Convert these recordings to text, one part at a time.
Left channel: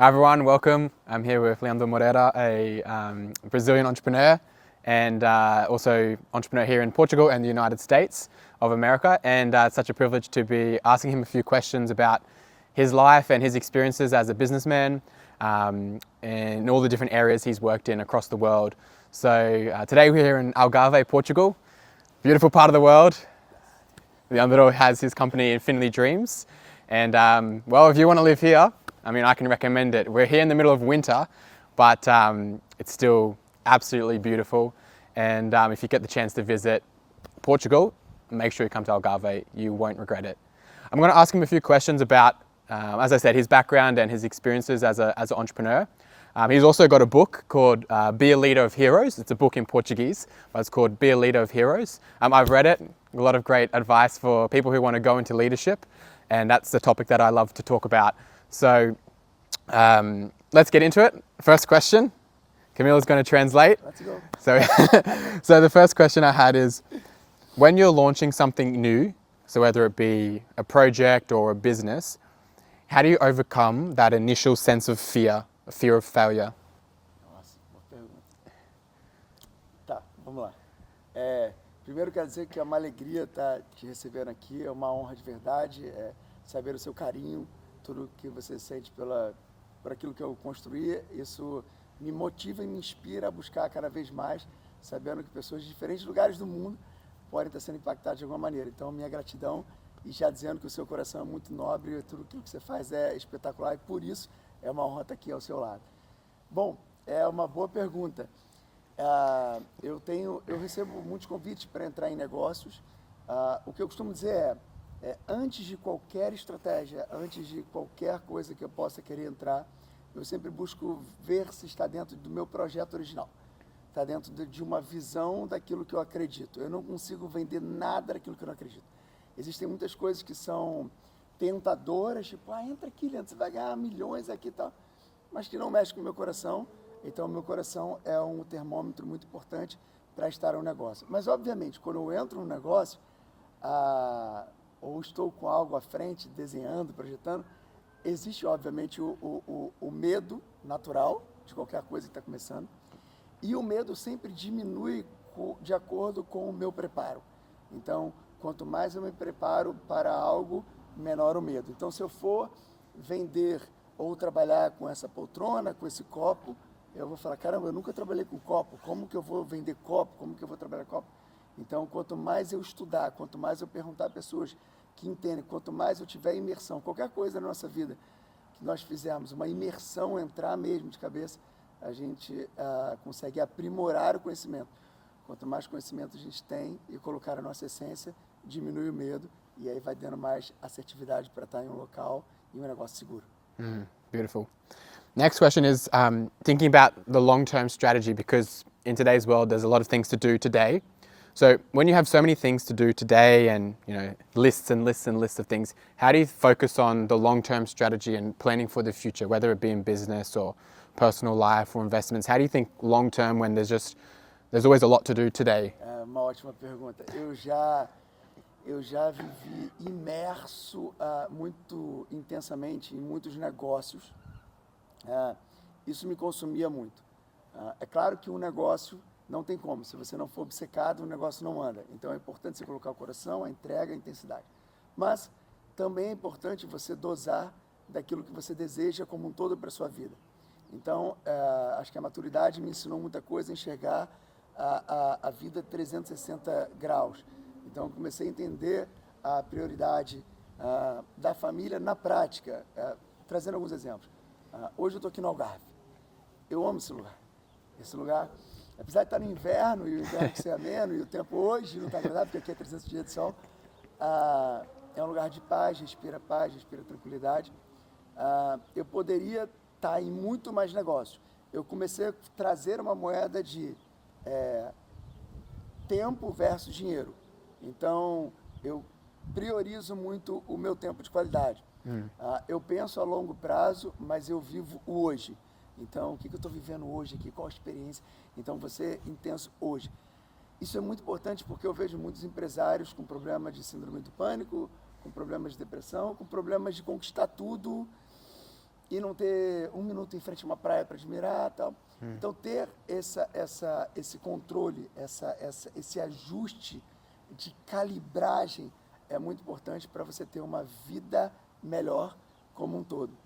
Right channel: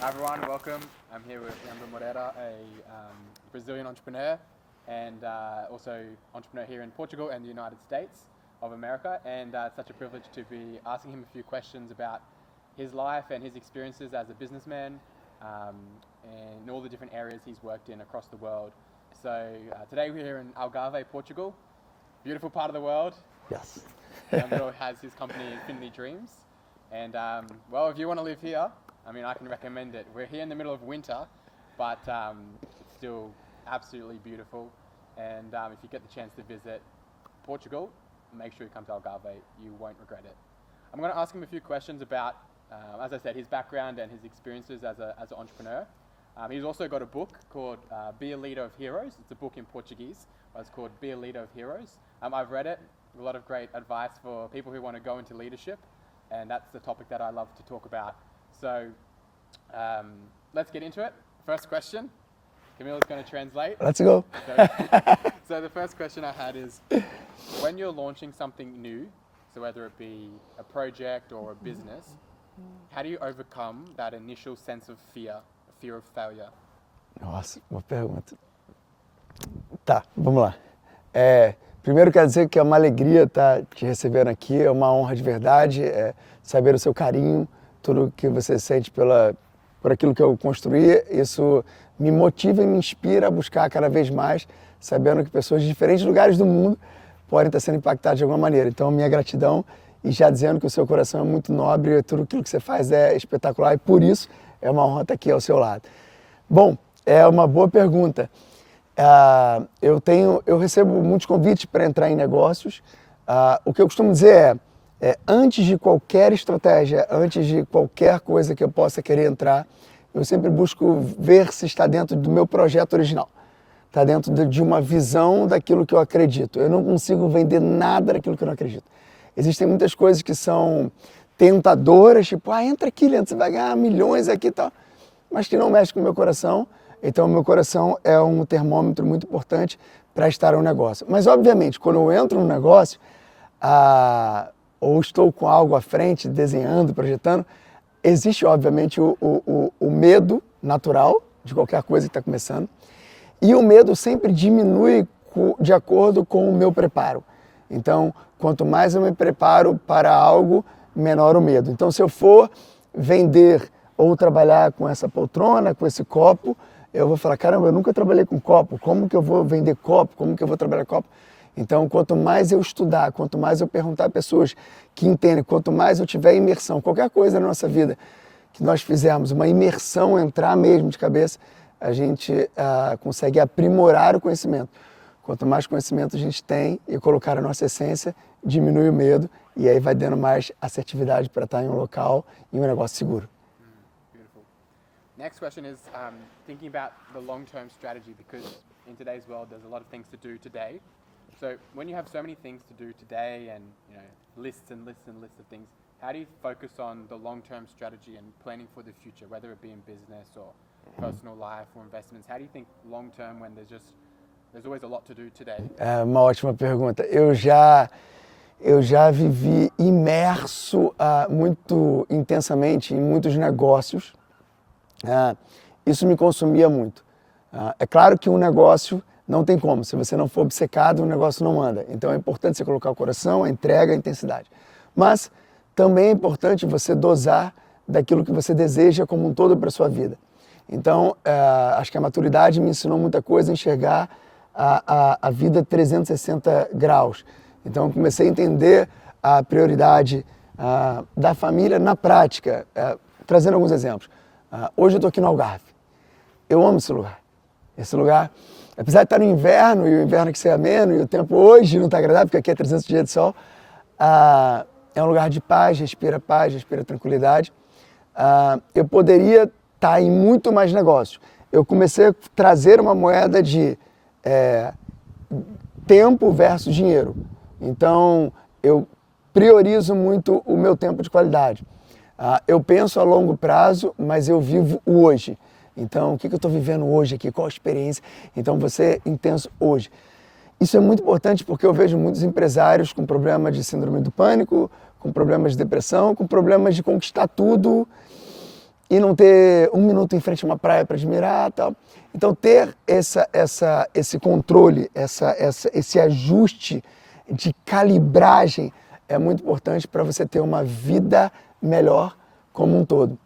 Hi everyone, welcome. I'm here with Leandro Moreira, a Brazilian entrepreneur and also entrepreneur here in Portugal and the United States of America. And it's such a privilege to be asking him a few questions about his life and his experiences as a businessman and all the different areas he's worked in across the world. So today we're here in Algarve, Portugal, beautiful part of the world. Yes. Leandro has his company Infinity Dreams. And well, if you want to live here, I mean, I can recommend it. We're here in the middle of winter, but it's still absolutely beautiful. And if you get the chance to visit Portugal, make sure you come to Algarve. You won't regret it. I'm going to ask him a few questions about, as I said, his background and his experiences as an entrepreneur. He's also got a book called Be a Leader of Heroes. It's a book in Portuguese, but it's called Be a Leader of Heroes. I've read it, a lot of great advice for people who want to go into leadership, and that's the topic that I love to talk about. So let's get into it. First question, Camila's going to translate. Let's go. So the first question I had is, when you're launching something new, so whether it be a project or a business, how do you overcome that initial sense of fear of failure? Nossa, boa pergunta. Tá, vamos lá. Primeiro quero dizer que é uma alegria estar te recebendo aqui, é uma honra de verdade, saber o seu carinho, tudo que você sente por aquilo que eu construí, isso me motiva e me inspira a buscar cada vez mais, sabendo que pessoas de diferentes lugares do mundo podem estar sendo impactadas de alguma maneira. Então, minha gratidão e já dizendo que o seu coração é muito nobre e tudo aquilo que você faz é espetacular e por isso é uma honra estar aqui ao seu lado. Bom, é uma boa pergunta. Eu recebo muitos convites para entrar em negócios. O que eu costumo dizer antes de qualquer estratégia, antes de qualquer coisa que eu possa querer entrar, eu sempre busco ver se está dentro do meu projeto original. Está dentro de uma visão daquilo que eu acredito. Eu não consigo vender nada daquilo que eu não acredito. Existem muitas coisas que são tentadoras, tipo, entra aqui, Leandro, você vai ganhar milhões aqui e tal, mas que não mexe com o meu coração. Então, o meu coração é um termômetro muito importante para estar no negócio. Mas, obviamente, quando eu entro no negócio, ou estou com algo à frente, desenhando, projetando, existe, obviamente, o medo natural de qualquer coisa que está começando. E o medo sempre diminui de acordo com o meu preparo. Então, quanto mais eu me preparo para algo, menor o medo. Então, se eu for vender ou trabalhar com essa poltrona, com esse copo, eu vou falar, caramba, eu nunca trabalhei com copo, como que eu vou vender copo, como que eu vou trabalhar copo? Então, quanto mais eu estudar, quanto mais eu perguntar a pessoas que entendem, quanto mais eu tiver imersão, qualquer coisa na nossa vida que nós fizermos, uma imersão, entrar mesmo de cabeça, a gente consegue aprimorar o conhecimento. Quanto mais conhecimento a gente tem e colocar a nossa essência, diminui o medo e aí vai dando mais assertividade para estar em um local e um negócio seguro. Beautiful. Next question is thinking about the long-term strategy, because in today's world there's a lot of things to do today. So when you have so many things to do today and lists and lists and lists of things, how do you focus on the long-term strategy and planning for the future, whether it be in business or personal life or investments? How do you think long-term when there's always a lot to do today? É uma ótima pergunta. Eu já vivi imerso muito intensamente em muitos negócios. Isso me consumia muito. É claro que um negócio não tem como. Se você não for obcecado, o negócio não anda. Então é importante você colocar o coração, a entrega, a intensidade. Mas também é importante você dosar daquilo que você deseja como um todo para a sua vida. Então, acho que a maturidade me ensinou muita coisa a enxergar a vida 360 graus. Então, eu comecei a entender a prioridade da família na prática, trazendo alguns exemplos. Hoje eu estou aqui no Algarve. Eu amo esse lugar. Esse lugar, apesar de estar no inverno, e o inverno que ser ameno, e o tempo hoje não está agradável, porque aqui é 300 dias de sol, é um lugar de paz, respira tranquilidade. Eu poderia estar em muito mais negócios. Eu comecei a trazer uma moeda de tempo versus dinheiro. Então, eu priorizo muito o meu tempo de qualidade. Eu penso a longo prazo, mas eu vivo o hoje. Então, o que eu estou vivendo hoje aqui? Qual a experiência? Então, você é intenso hoje. Isso é muito importante porque eu vejo muitos empresários com problemas de síndrome do pânico, com problemas de depressão, com problemas de conquistar tudo e não ter um minuto em frente a uma praia para admirar, tal. Então ter esse controle, esse ajuste de calibragem é muito importante para você ter uma vida melhor como um todo.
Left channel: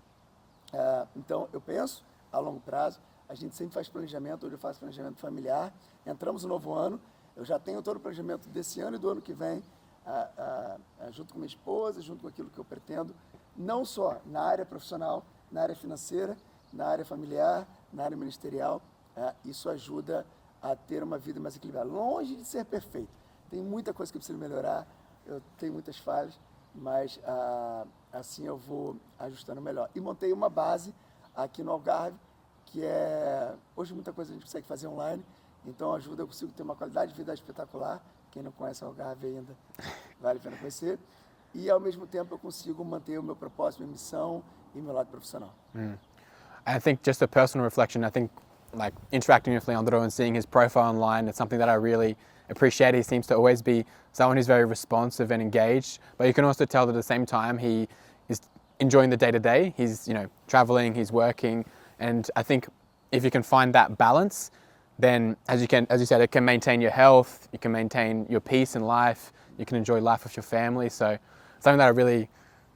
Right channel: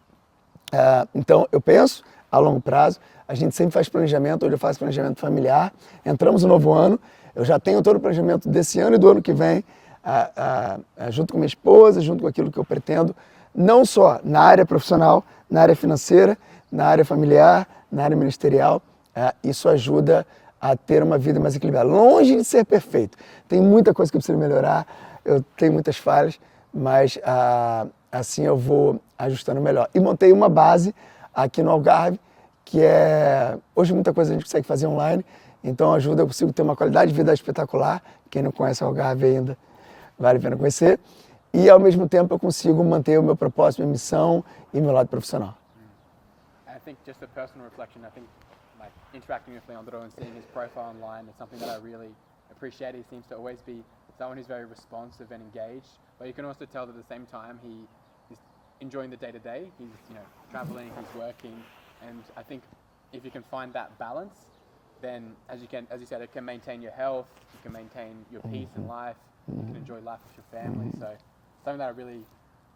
Então eu penso a longo prazo, a gente sempre faz planejamento, hoje eu faço planejamento familiar, entramos no novo ano, eu já tenho todo o planejamento desse ano e do ano que vem, junto com minha esposa, junto com aquilo que eu pretendo, não só na área profissional, na área financeira, na área familiar, na área ministerial. Isso ajuda a ter uma vida mais equilibrada. Longe de ser perfeito. Tem muita coisa que eu preciso melhorar, eu tenho muitas falhas, mas assim eu vou ajustando melhor. E montei uma base aqui no Algarve, que hoje muita coisa a gente consegue fazer online, então ajuda, eu consigo ter uma qualidade de vida espetacular. Quem não conhece o Algarve ainda, vale a pena conhecer. E ao mesmo tempo eu consigo manter o meu propósito, minha missão e meu lado profissional. I think just a personal reflection, I think like interacting with Leandro and seeing his profile online, it's something that I really appreciate. He seems to always be someone who's very responsive and engaged, but you can also tell that at the same time he is enjoying the day-to-day. He's, traveling, he's working, and I think if you can find that balance, then as you said, it can maintain your health, you can maintain your peace in life, you can enjoy life with your family. So something that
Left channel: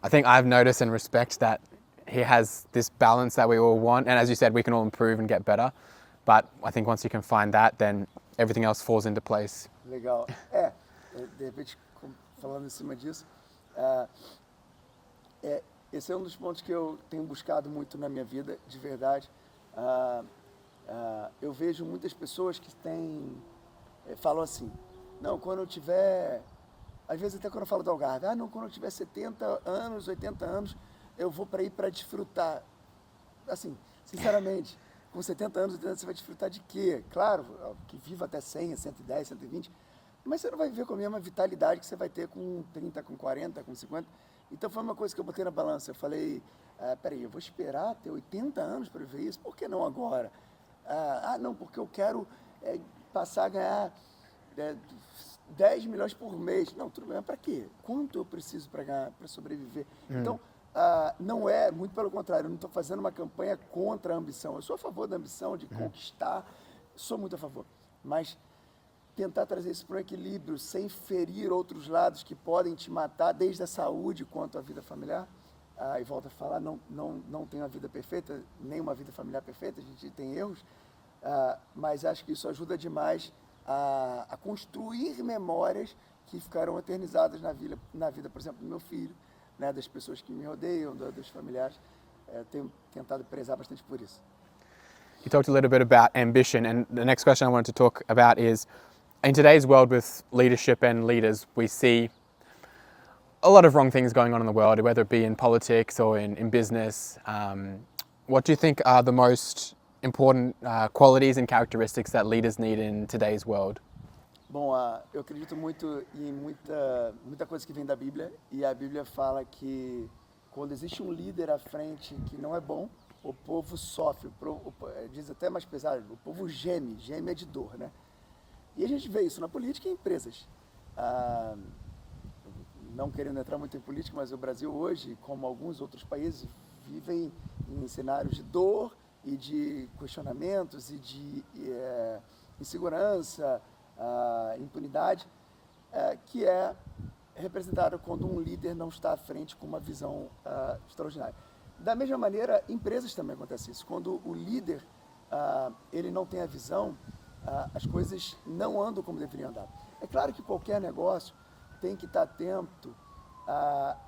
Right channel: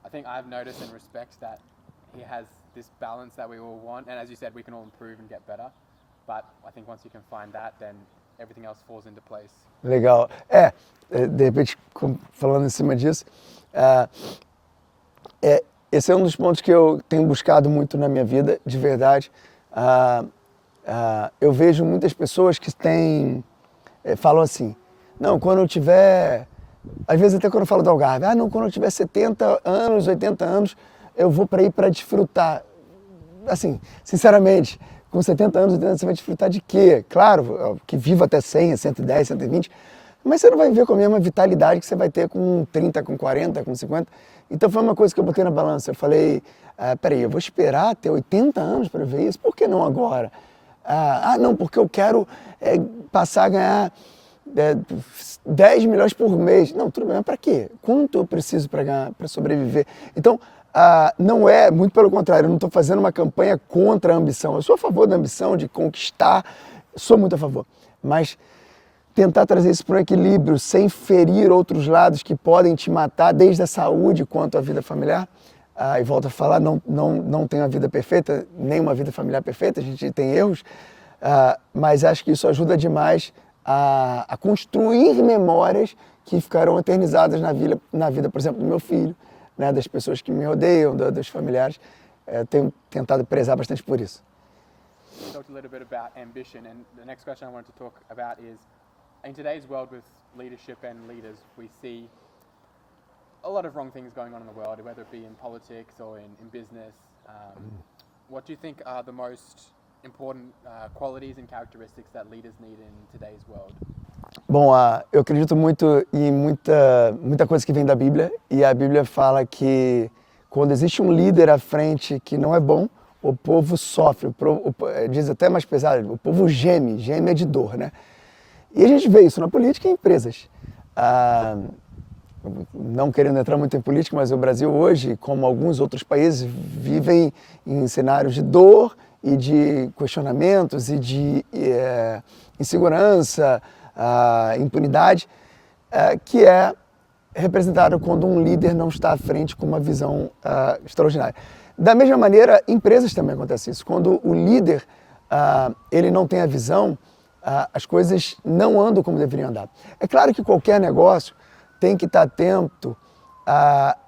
I think I've noticed and respect, that he has this balance that we all want. And as you said, we can all improve and get better. But I think once you can find that, then everything else falls into place. Legal. De repente, falando em cima disso, esse é um dos pontos que eu tenho buscado muito na minha vida, de verdade. Eu vejo muitas pessoas que falam assim, não, quando eu tiver, às vezes até quando eu falo do Algarve, não, quando eu tiver 70 anos, 80 anos, eu vou para ir para desfrutar. Assim, sinceramente, com 70 anos, 80 anos, você vai desfrutar de quê? Claro, que viva até 100, 110, 120, mas você não vai viver com a mesma vitalidade que você vai ter com 30, com 40, com 50. Então foi uma coisa que eu botei na balança. Eu falei, peraí, eu vou esperar ter 80 anos para ver isso? Por que não agora? Não, porque eu quero passar a ganhar 10 milhões por mês. Não, tudo bem, mas para quê? Quanto eu preciso para ganhar, para sobreviver? Então, não muito pelo contrário, eu não estou fazendo uma campanha contra a ambição. Eu sou a favor da ambição, de conquistar, sou muito a favor. Mas tentar trazer isso para um equilíbrio, sem ferir outros lados que podem te matar, desde a saúde quanto a vida familiar. E volto a falar, não tenho a vida perfeita, nem uma vida familiar perfeita, a gente tem erros, mas acho que isso ajuda demais a construir memórias que ficarão eternizadas na vida, por exemplo, do meu filho, né, das pessoas que me rodeiam, dos familiares. Tenho tentado prezar bastante por isso. You talked a little bit about ambition, and the next question I wanted to talk about is, in today's world with leadership and leaders, we see a lot of wrong things going on in the world, whether it be in politics or in business. What do you think are the most important qualities and characteristics that leaders need in today's world? Bom, eu acredito muito em muita coisa que vem da Bíblia, e a Bíblia fala que quando existe um líder à frente que não é bom, o povo sofre, diz até mais pesado, o povo geme de dor, né? E a gente vê isso na política e em empresas. Não querendo entrar muito em política, mas o Brasil hoje, como alguns outros países, vivem em cenários de dor e de questionamentos e de insegurança, impunidade, que é representado quando um líder não está à frente com uma visão extraordinária. Da mesma maneira, empresas também acontece isso. Quando o líder ele não tem a visão, as coisas não andam como deveriam andar. É claro que qualquer negócio tem que estar atento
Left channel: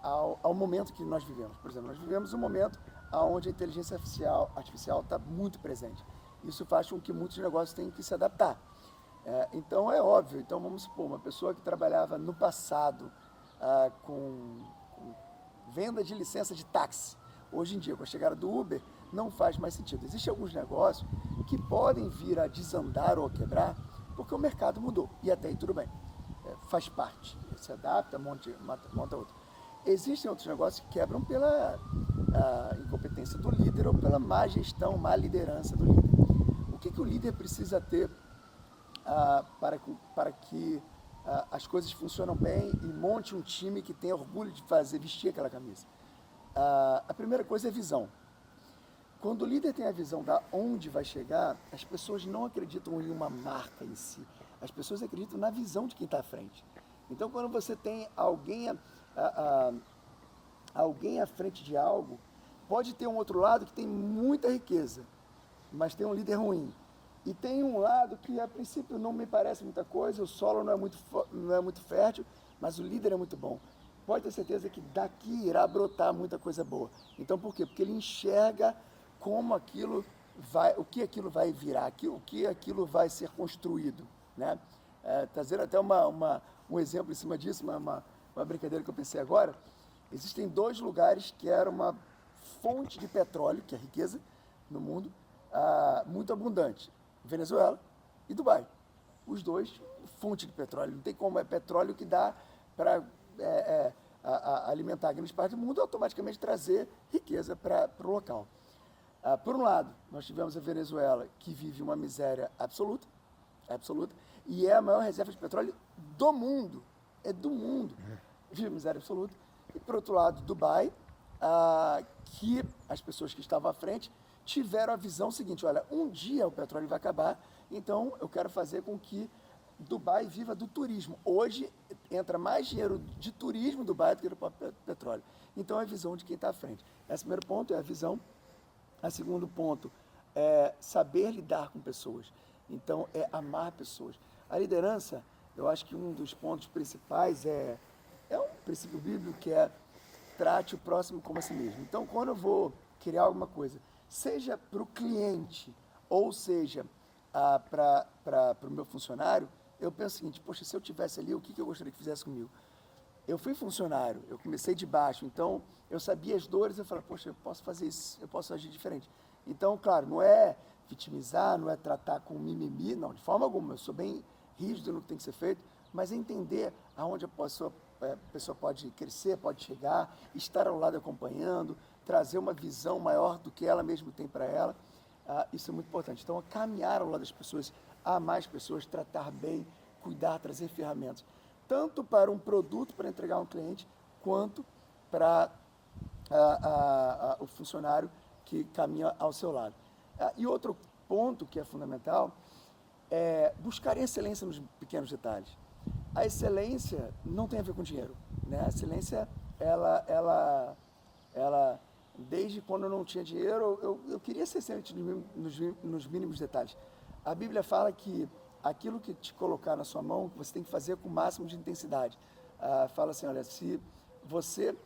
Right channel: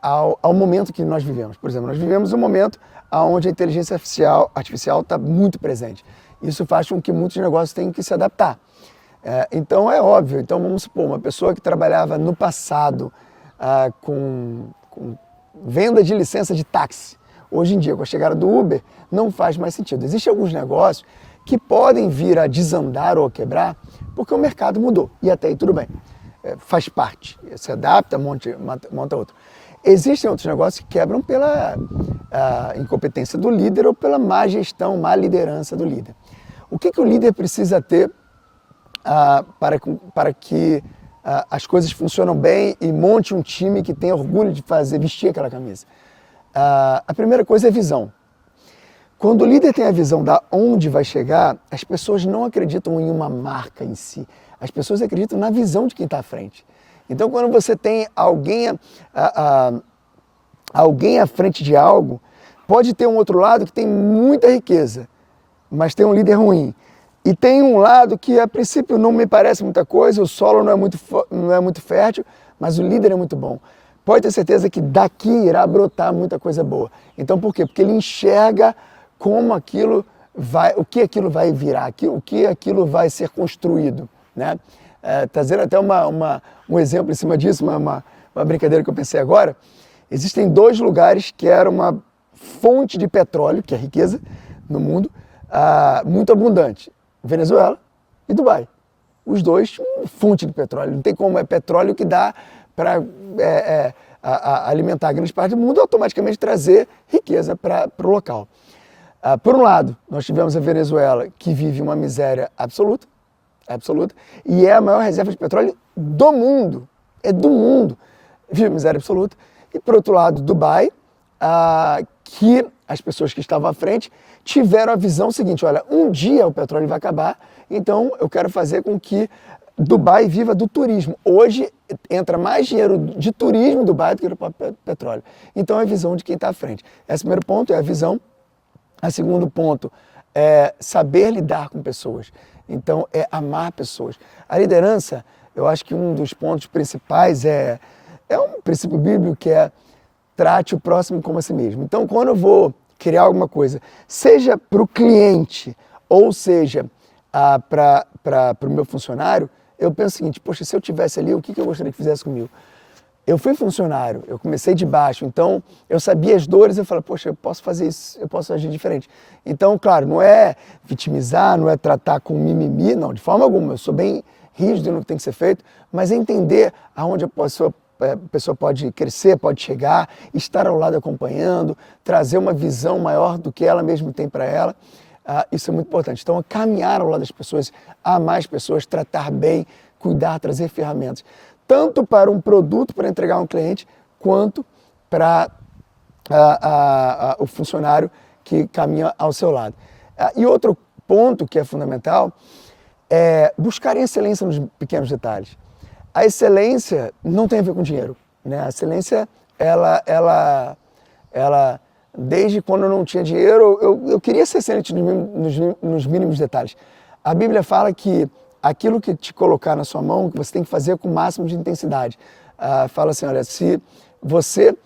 ao momento que nós vivemos. Por exemplo, nós vivemos um momento onde a inteligência artificial está muito presente. Isso faz com que muitos negócios tenham que se adaptar. Então é óbvio, vamos supor, uma pessoa que trabalhava no passado com venda de licença de táxi, hoje em dia, com a chegada do Uber, não faz mais sentido. Existem alguns negócios que podem vir a desandar ou a quebrar porque o mercado mudou, e até aí tudo bem, faz parte, se adapta, monta outro. Existem outros negócios que quebram pela incompetência do líder ou pela má gestão, má liderança do líder. O que o líder precisa ter para que as coisas funcionem bem e monte um time que tenha orgulho de vestir aquela camisa? A primeira coisa é visão. Quando o líder tem a visão da onde vai chegar, as pessoas não acreditam em uma marca em si. As pessoas acreditam na visão de quem está à frente. Então, quando você tem alguém à frente de algo, pode ter um outro lado que tem muita riqueza, mas tem um líder ruim. E tem um lado que, a princípio, não me parece muita coisa, o solo não é muito fértil, mas o líder é muito bom. Pode ter certeza que daqui irá brotar muita coisa boa. Então, por quê? Porque ele enxerga como aquilo vai, o que aquilo vai virar, o que aquilo vai ser construído, né? Trazendo até um exemplo em cima disso, uma brincadeira que eu pensei agora. Existem 2 lugares que eram uma fonte de petróleo, que é riqueza no mundo, muito abundante. Venezuela e Dubai. Os 2, fonte de petróleo. Não tem como, é petróleo que dá para alimentar grande parte do mundo e automaticamente trazer riqueza para o local. Por um lado, nós tivemos a Venezuela, que vive uma miséria absoluta, e é a maior reserva de petróleo do mundo, vive miséria absoluta. E por outro lado, Dubai, que as pessoas que estavam à frente tiveram a visão seguinte: olha, um dia o petróleo vai acabar, então eu quero fazer com que Dubai viva do turismo. Hoje entra mais dinheiro de turismo em Dubai do que do próprio petróleo. Então é a visão de quem está à frente. Esse primeiro ponto é a visão. O segundo ponto é saber lidar com pessoas. Então é amar pessoas. A liderança, eu acho que um dos pontos principais é um princípio bíblico que é trate o próximo como a si mesmo. Então, quando eu vou criar alguma coisa, seja para o cliente ou seja para o meu funcionário, eu penso o seguinte: poxa, se eu tivesse ali, o que eu gostaria que fizesse comigo? Eu fui funcionário, eu comecei de baixo, então eu sabia as dores, eu falei, poxa, eu posso fazer isso, eu posso agir diferente. Então, claro, não é vitimizar, não é tratar com mimimi, não, de forma alguma, eu sou bem rígido no que tem que ser feito, mas é entender aonde a pessoa pode crescer, pode chegar, estar ao lado acompanhando, trazer uma visão maior do que ela mesma tem para ela. Isso é muito importante. Então, caminhar ao lado das pessoas, amar as pessoas, tratar bem, cuidar, trazer ferramentas. Tanto para um produto para entregar a um cliente, quanto para o funcionário que caminha ao seu lado. E outro ponto que é fundamental é buscar excelência nos pequenos detalhes. A excelência não tem a ver com dinheiro, né? A excelência, ela desde quando eu não tinha dinheiro, eu queria ser excelente nos mínimos detalhes. A Bíblia fala que aquilo que te colocar na sua mão, que você tem que fazer com o máximo de intensidade. Fala assim, olha, se você,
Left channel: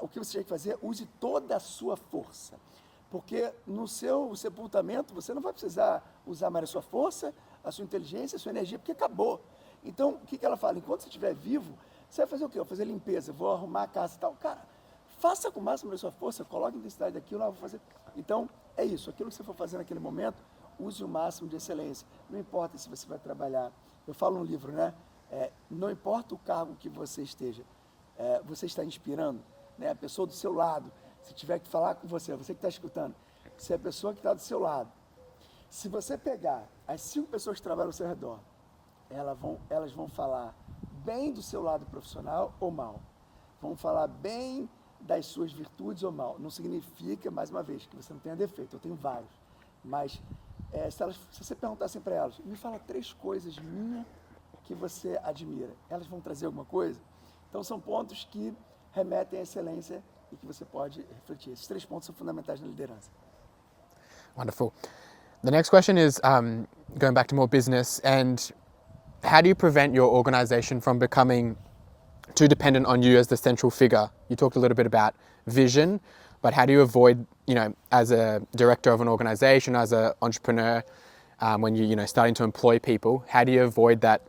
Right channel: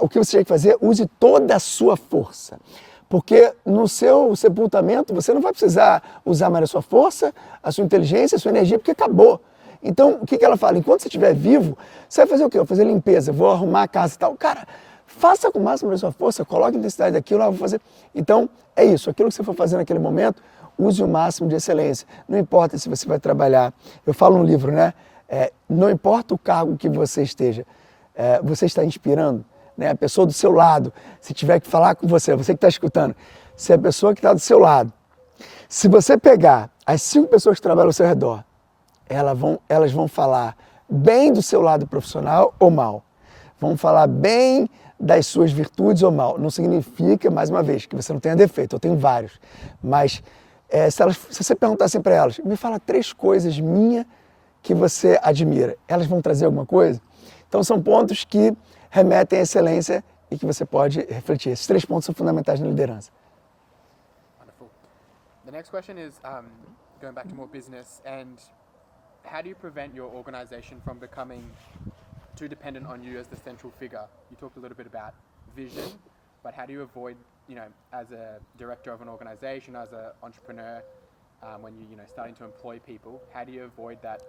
o que você tem que fazer, use toda a sua força. Porque no seu sepultamento, você não vai precisar usar mais a sua força, a sua inteligência, a sua energia, porque acabou. Então, o que ela fala? Enquanto você estiver vivo, você vai fazer o quê? Eu vou fazer limpeza, vou arrumar a casa e tal. Cara, faça com o máximo da sua força, coloque a intensidade daquilo, eu vou fazer. Então, é isso. Aquilo que você for fazer naquele momento, use o máximo de excelência. Não importa se você vai trabalhar. Eu falo no livro, né? Não importa o cargo que você esteja, você está inspirando, né? A pessoa do seu lado, se tiver que falar com você que está escutando, se a pessoa que está do seu lado, se você pegar as 5 pessoas que trabalham ao seu redor, elas vão falar bem do seu lado profissional ou mal. Vão falar bem das suas virtudes ou mal. Não significa, mais uma vez, que você não tenha defeito. Eu tenho vários. Mas se você perguntar assim para elas, me fala 3 coisas minhas que você admira. Elas vão trazer alguma coisa? Então são pontos que remetem à excelência e que você pode refletir. Esses 3 pontos são fundamentais na liderança. Wonderful. The next question is going back to more business, and how do you prevent your organization from becoming too dependent on you as the central figure? You talked a little bit about vision, but how do you avoid, as a director of an organization, as an entrepreneur, when you're starting to employ people, how do you avoid that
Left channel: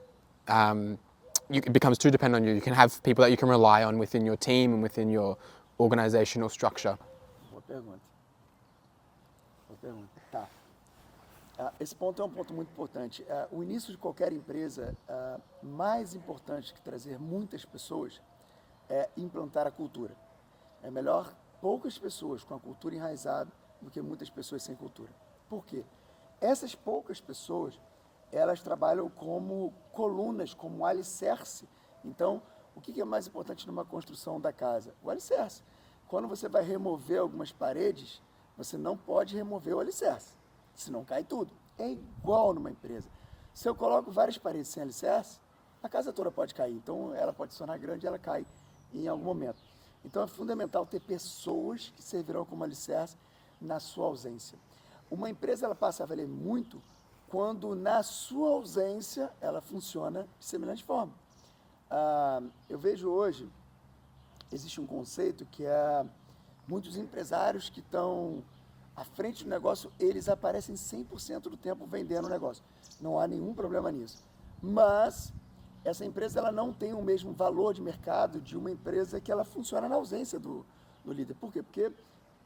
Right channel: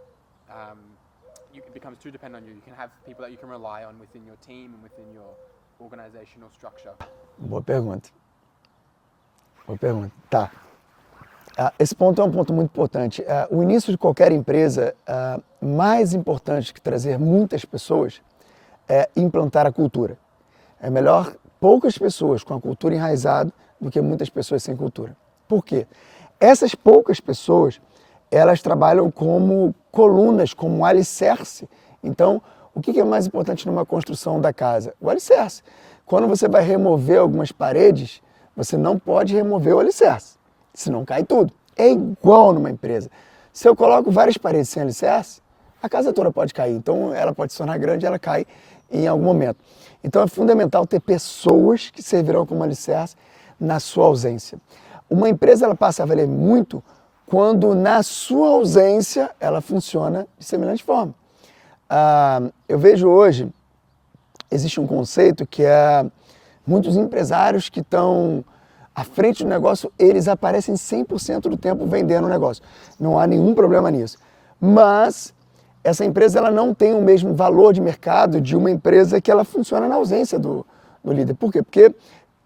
it becomes too dependent on you? You can have people that you can rely on within your team and within your organizational structure. Boa pergunta. Tá. Esse ponto é um ponto muito importante. O início de qualquer empresa, mais importante que trazer muitas pessoas, é implantar a cultura. É melhor poucas pessoas com a cultura enraizada do que muitas pessoas sem cultura. Por quê? Essas poucas pessoas, elas trabalham como colunas, como um alicerce. Então, o que é mais importante numa construção da casa? O alicerce. Quando você vai remover algumas paredes, você não pode remover o alicerce, senão cai tudo. É igual numa empresa. Se eu coloco várias paredes sem alicerce, a casa toda pode cair. Então, ela pode se tornar grande e ela cai em algum momento. Então, é fundamental ter pessoas que servirão como alicerce na sua ausência. Uma empresa ela passa a valer muito quando, na sua ausência, ela funciona de semelhante forma. Eu vejo hoje, existe um conceito que é muitos empresários que estão à frente do negócio, eles aparecem 100% do tempo vendendo o negócio. Não há nenhum problema nisso. Mas essa empresa ela não tem o mesmo valor de mercado de uma empresa que ela funciona na ausência do líder. Por quê? Porque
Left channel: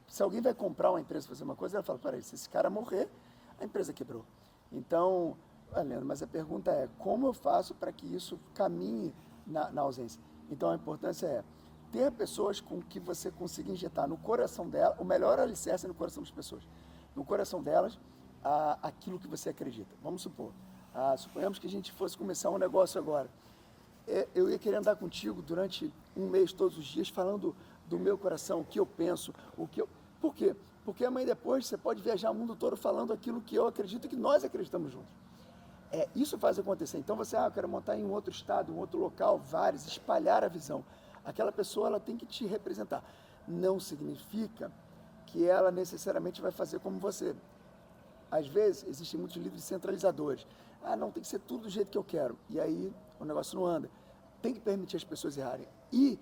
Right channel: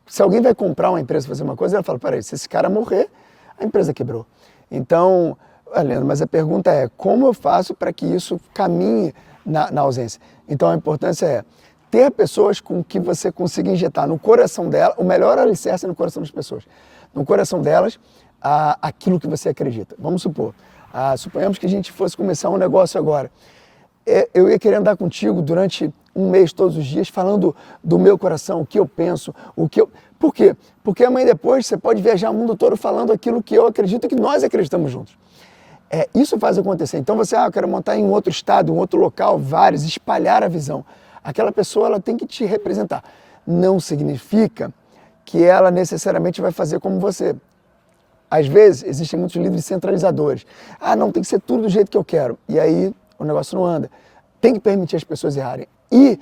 se alguém vai comprar uma empresa fazer uma coisa, ela fala, peraí, se esse cara morrer, a empresa quebrou. Então, Leandro, mas a pergunta é, como eu faço para que isso caminhe na ausência? Então, a importância é ter pessoas com que você consiga injetar no coração dela, o melhor alicerce é no coração das pessoas, no coração delas, aquilo que você acredita. Vamos supor, suponhamos que a gente fosse começar um negócio agora. Eu ia querer andar contigo durante um mês, todos os dias, falando do meu coração, o que eu penso, Por quê? Porque amanhã depois você pode viajar o mundo todo falando aquilo que eu acredito e que nós acreditamos juntos. Isso faz acontecer. Então você, eu quero montar em um outro estado, um outro local, vários, espalhar a visão. Aquela pessoa ela tem que te representar. Não significa que ela necessariamente vai fazer como você. Às vezes, existem muitos líderes centralizadores. Não, tem que ser tudo do jeito que eu quero. E aí, o negócio não anda. Tem que permitir as pessoas errarem. E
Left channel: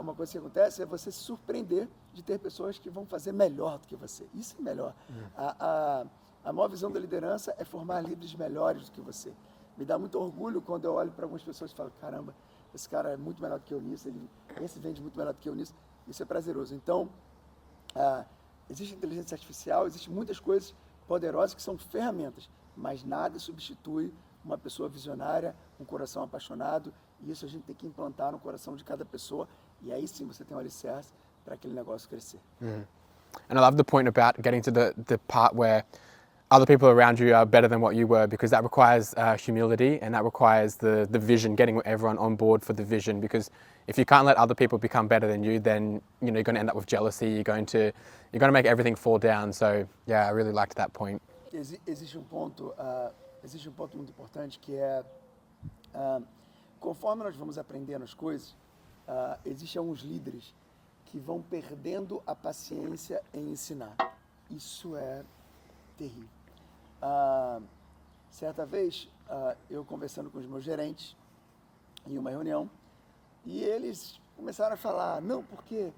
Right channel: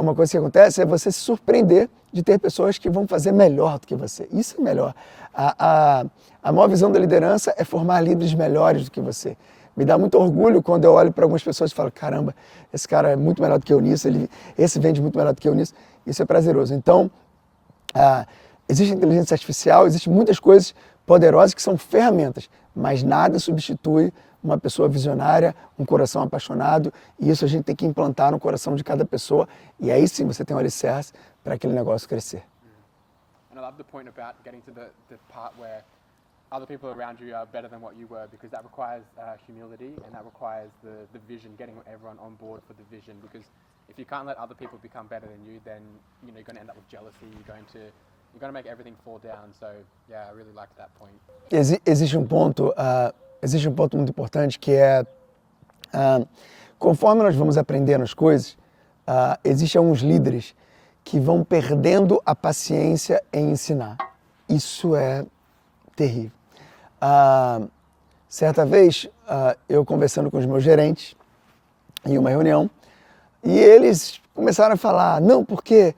uma coisa que acontece é você se surpreender de ter pessoas que vão fazer melhor do que você. Isso é melhor. A maior visão da liderança é formar líderes melhores do que você. Me dá muito orgulho quando eu olho para algumas pessoas e falo, caramba, esse cara é muito melhor do que eu nisso, esse vende muito melhor do que eu nisso. Isso é prazeroso. Então, existe inteligência artificial, existem muitas coisas poderosas que são ferramentas, mas nada substitui uma pessoa visionária, um coração apaixonado, e isso a gente tem que implantar no coração de cada pessoa, e aí sim você tem um alicerce para aquele negócio crescer. And I love the point about getting to the part where other people around you are better than what you were, because that requires humility, and that requires the vision, getting everyone on board for the vision. Because if you can't let other people become better than you, then you're going to end up with jealousy. You're going to make everything fall down. So yeah, I really liked that point. Existe um ponto muito importante que é conforme nós vamos aprendendo as coisas, existem alguns líderes que vão perdendo a paciência em ensinar. Isso é terrível. Certa vez, eu conversando com os meus gerentes em uma reunião, e eles começaram a falar, não, porque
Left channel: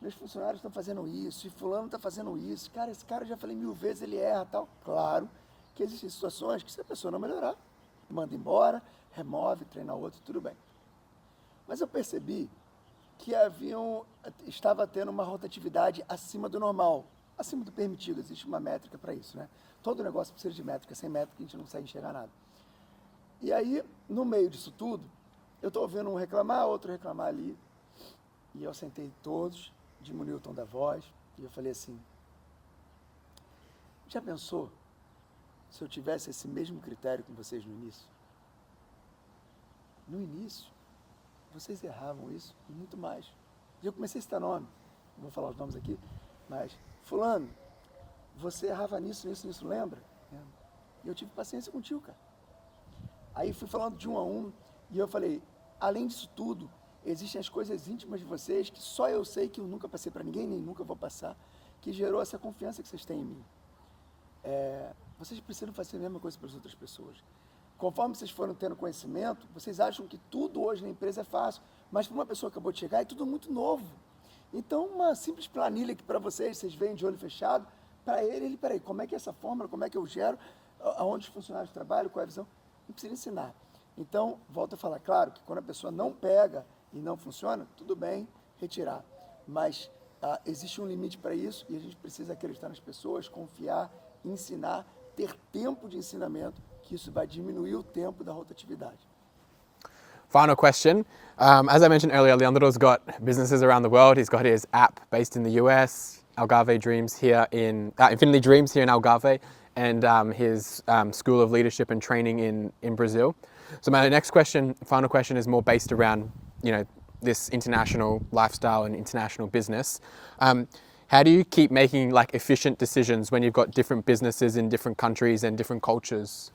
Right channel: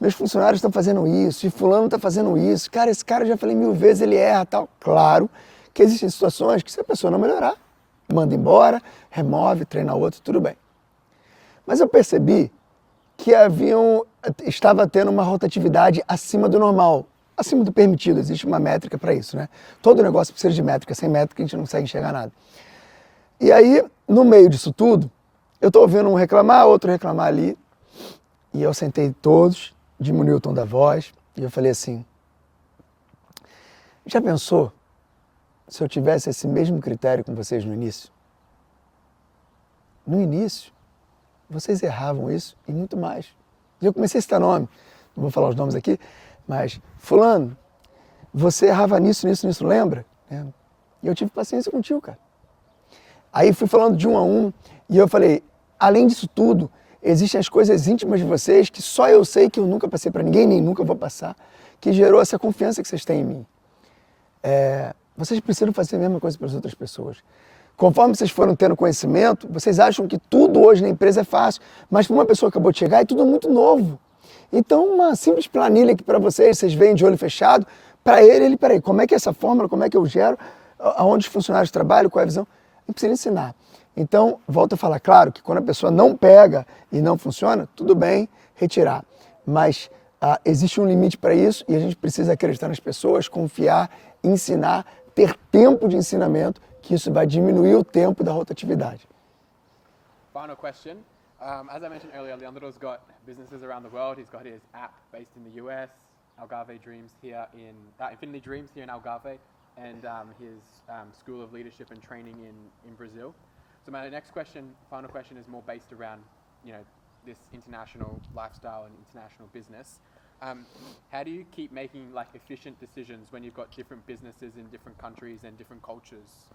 meus funcionários estão fazendo isso, e fulano está fazendo isso, cara, esse cara eu já falei 1000 vezes, ele erra, tal. Claro que existem situações que se a pessoa não melhorar, manda embora, remove, treina outro, tudo bem. Mas eu percebi que estava tendo uma rotatividade acima do normal, acima do permitido, existe uma métrica para isso, né? Todo negócio precisa de métrica, sem métrica a gente não consegue enxergar nada. E aí, no meio disso tudo, eu estou ouvindo um reclamar, outro reclamar ali, e eu sentei todos, diminui o tom da voz, e eu falei assim, já pensou se eu tivesse esse mesmo critério com vocês no início? No início, vocês erravam isso e muito mais. E eu comecei a citar nome, não vou falar os nomes aqui, mas fulano, você errava nisso, lembra? E eu tive paciência contigo, cara. Aí fui falando de um a um, e eu falei, além disso tudo, existem as coisas íntimas de vocês que só eu sei, que eu nunca passei para ninguém, nem nunca vou passar, que gerou essa confiança que vocês têm em mim. Vocês precisam fazer a mesma coisa para as outras pessoas. Conforme vocês foram tendo conhecimento, vocês acham que tudo hoje na empresa é fácil, mas para uma pessoa que acabou de chegar é tudo muito novo. Então, uma simples planilha que para vocês veem de olho fechado, para ele, peraí, como é que é essa fórmula, como é que eu gero, aonde os funcionários trabalham, qual é a visão? Não precisa ensinar. Então, volto a falar, claro que quando a pessoa não pega e não funciona, tudo bem, retirar. Mas existe um limite para isso e a gente precisa acreditar nas pessoas, confiar, ensinar, ter tempo de ensinamento, que isso vai diminuir o tempo da rotatividade. Final question. As I mentioned earlier, Leandro's got businesses around the world. He's got his app based in the US, Algarve Dreams here Infinity Dreams here in Algarve, and his School of Leadership and Training in Brazil. So my next question, final question, is more based around, this international lifestyle and international business. how do you keep making like efficient decisions when you've got different businesses in different countries and different cultures?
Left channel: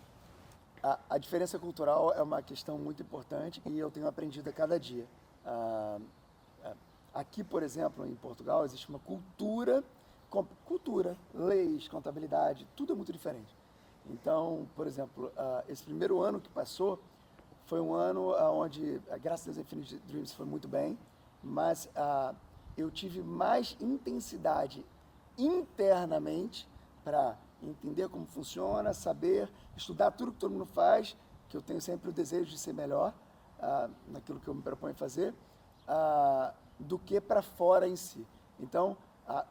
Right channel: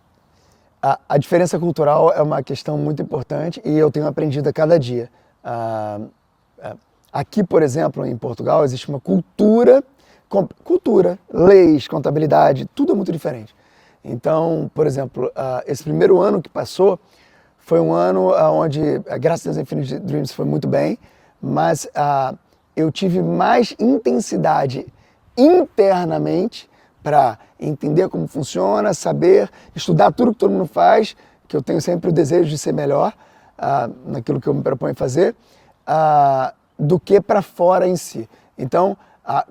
A diferença cultural é uma questão muito importante e eu tenho aprendido a cada dia. Aqui, por exemplo, em Portugal, existe uma cultura, leis, contabilidade, tudo é muito diferente. Então, por exemplo, esse primeiro ano que passou foi um ano onde, graças a Deus, Infinity Dreams foi muito bem, mas eu tive mais intensidade internamente para entender como funciona, saber, estudar tudo que todo mundo faz, que eu tenho sempre o desejo de ser melhor naquilo que eu me proponho fazer, do que para fora em si. Então,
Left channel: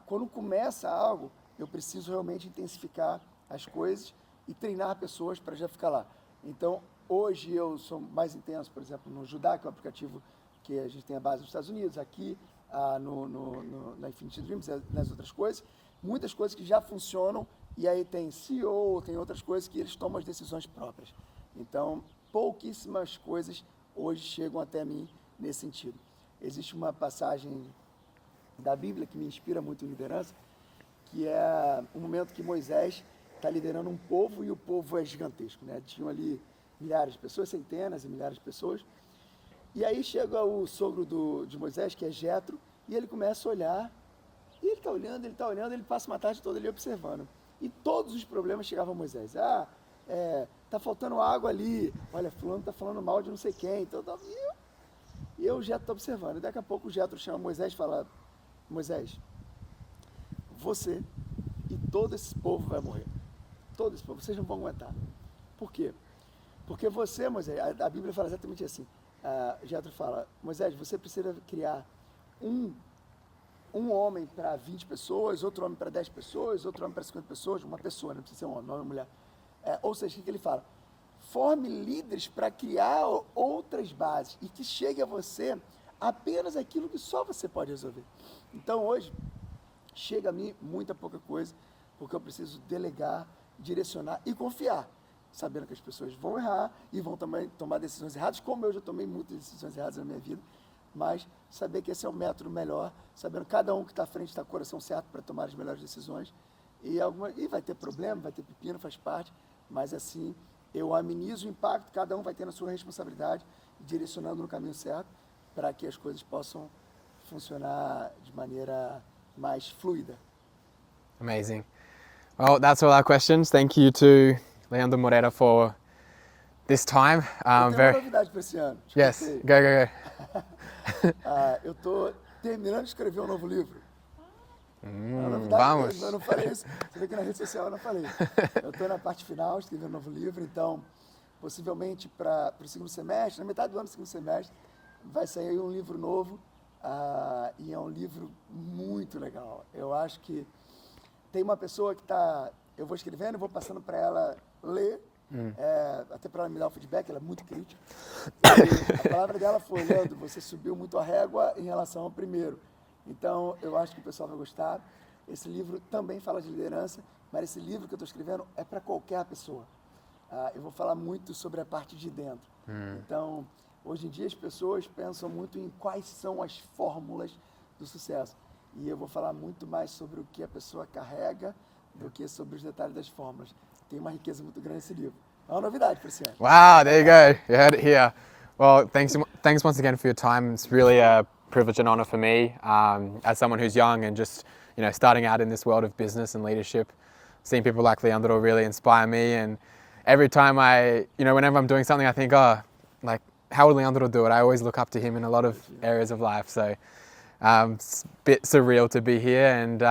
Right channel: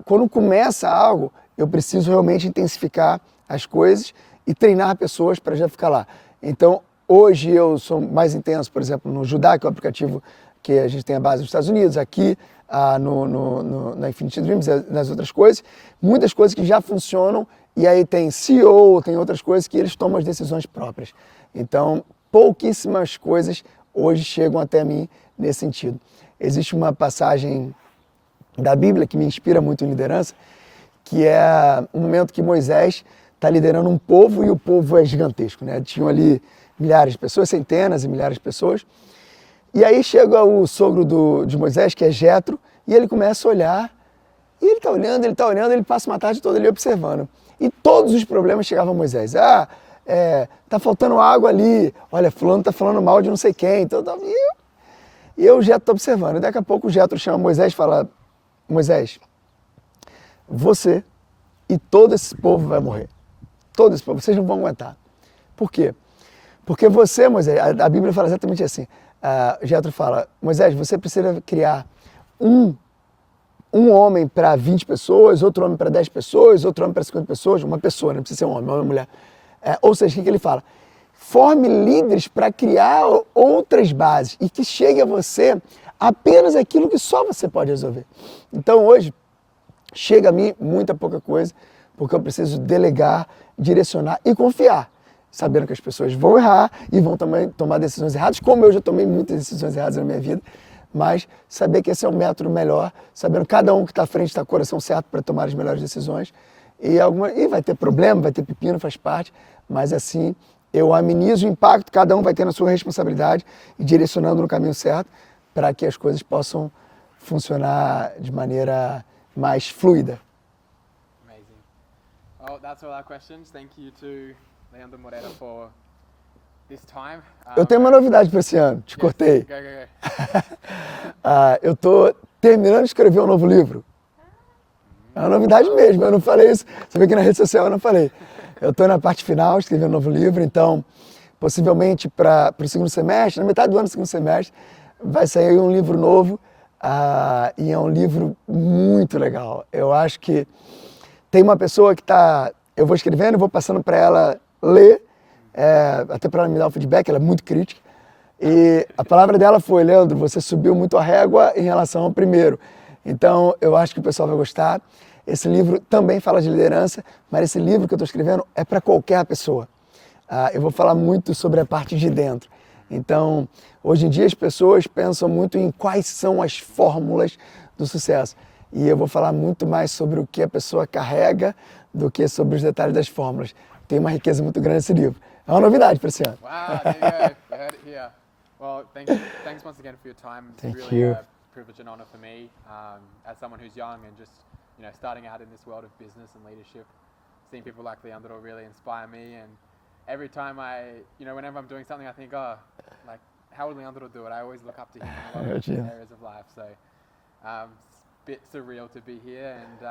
quando começa algo, eu preciso realmente intensificar as coisas e treinar pessoas para já ficar lá. Então, hoje eu sou mais intenso, por exemplo, no Judá, que é o aplicativo que a gente tem a base nos Estados Unidos, aqui na Infinity Dreams, nas outras coisas, muitas coisas que já funcionam, e aí tem CEO, tem outras coisas que eles tomam as decisões próprias. Então, pouquíssimas coisas hoje chegam até mim nesse sentido. Existe uma passagem da Bíblia que me inspira muito em liderança, que é um momento que Moisés está liderando um povo e o povo é gigantesco, né? Tinham ali milhares de pessoas, centenas e milhares de pessoas. E aí chega o sogro de Moisés, que é Jetro, e ele começa a olhar, e ele está olhando, ele passa uma tarde toda ali observando. E todos os problemas chegavam a Moisés. Tá faltando água ali, olha, fulano está falando mal de não sei quem. Então, e eu, Jetro, estou observando. E daqui a pouco o Jetro chama Moisés e fala, Moisés, você e todo esse povo vai morrer. Todo esse povo, vocês não vão aguentar. Por quê? Porque você, Moisés, a Bíblia fala exatamente assim. Jetro fala, Moisés, você precisa criar um homem para 20 pessoas, outro homem para 10 pessoas, outro homem para 50 pessoas, uma pessoa, não precisa ser um homem, uma mulher. Ou seja, o que ele fala? Forme líderes para criar outras bases e que chegue a você apenas aquilo que só você pode resolver. Então hoje, chega a mim muita pouca coisa, porque eu preciso delegar, direcionar e confiar, sabendo que as pessoas vão errar e vão também tomar decisões erradas, como eu já tomei muitas decisões erradas na minha vida, mas saber que esse é o método melhor, sabendo que cada um que está à frente está com o coração certo para tomar as melhores decisões, e vai ter problema, vai ter pepino, faz parte, mas assim eu amenizo o impacto, cada um vai ter na sua responsabilidade e direcionando no caminho certo para que as coisas possam funcionar de maneira mais fluida. Amazing. Well, that's all our questions. Thank you to Leandro Moreira for this time. Eu tenho uma novidade para esse ano, te Yes, cortei. go. Eu estou terminando de escrever um novo livro. É uma novidade mesmo, eu não falei isso. Você vê que na rede social eu não falei. Eu estou na parte final, escrevendo um novo livro, então possivelmente para o segundo semestre, na metade do ano do segundo semestre, vai sair um livro novo e é um livro muito legal. Eu acho que tem uma pessoa que eu vou escrevendo, vou passando para ela ler, até para ela me dar o feedback, ela é muito crítica. E a palavra dela foi, Leandro, você subiu muito a régua em relação ao primeiro. Então, eu acho que o pessoal vai gostar. Esse livro também fala de liderança, mas esse livro que eu estou escrevendo é para qualquer pessoa. Eu vou falar muito sobre a parte de dentro. Então, hoje em dia as pessoas pensam muito em quais são as fórmulas do sucesso. E eu vou falar muito mais sobre o que a pessoa carrega do que sobre os detalhes das fórmulas. Tem uma riqueza muito grande nesse livro. É uma novidade para esse ano. Wow, there you go. You heard it here. Well, thanks once again for your time. It's really a privilege and honor for me as someone who's young and just starting out in this world of business and leadership. Seeing people like Leandro really inspire me, and every time whenever I'm doing something, I think, how would Leandro do it? I always look up to him in a lot of areas of life. So it's a bit surreal to be here, and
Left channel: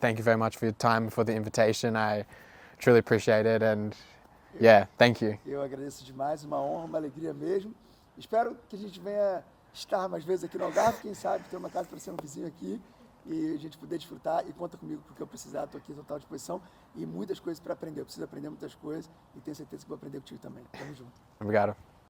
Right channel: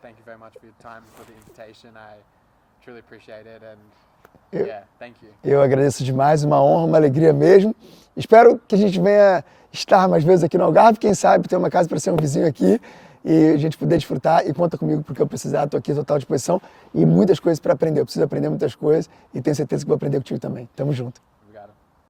thank you very much for your time, for the invitation. I truly appreciate it, and thank you. Eu agradeço demais, uma honra, uma alegria mesmo. Espero que a gente venha estar mais vezes aqui no Algarve, quem sabe ter uma casa para ser um vizinho aqui e a gente poder desfrutar, e conta comigo porque eu precisar, estou aqui à total disposição e muitas coisas para aprender. Eu preciso aprender muitas coisas e tenho certeza que vou aprender contigo também. Tamo junto. Obrigado.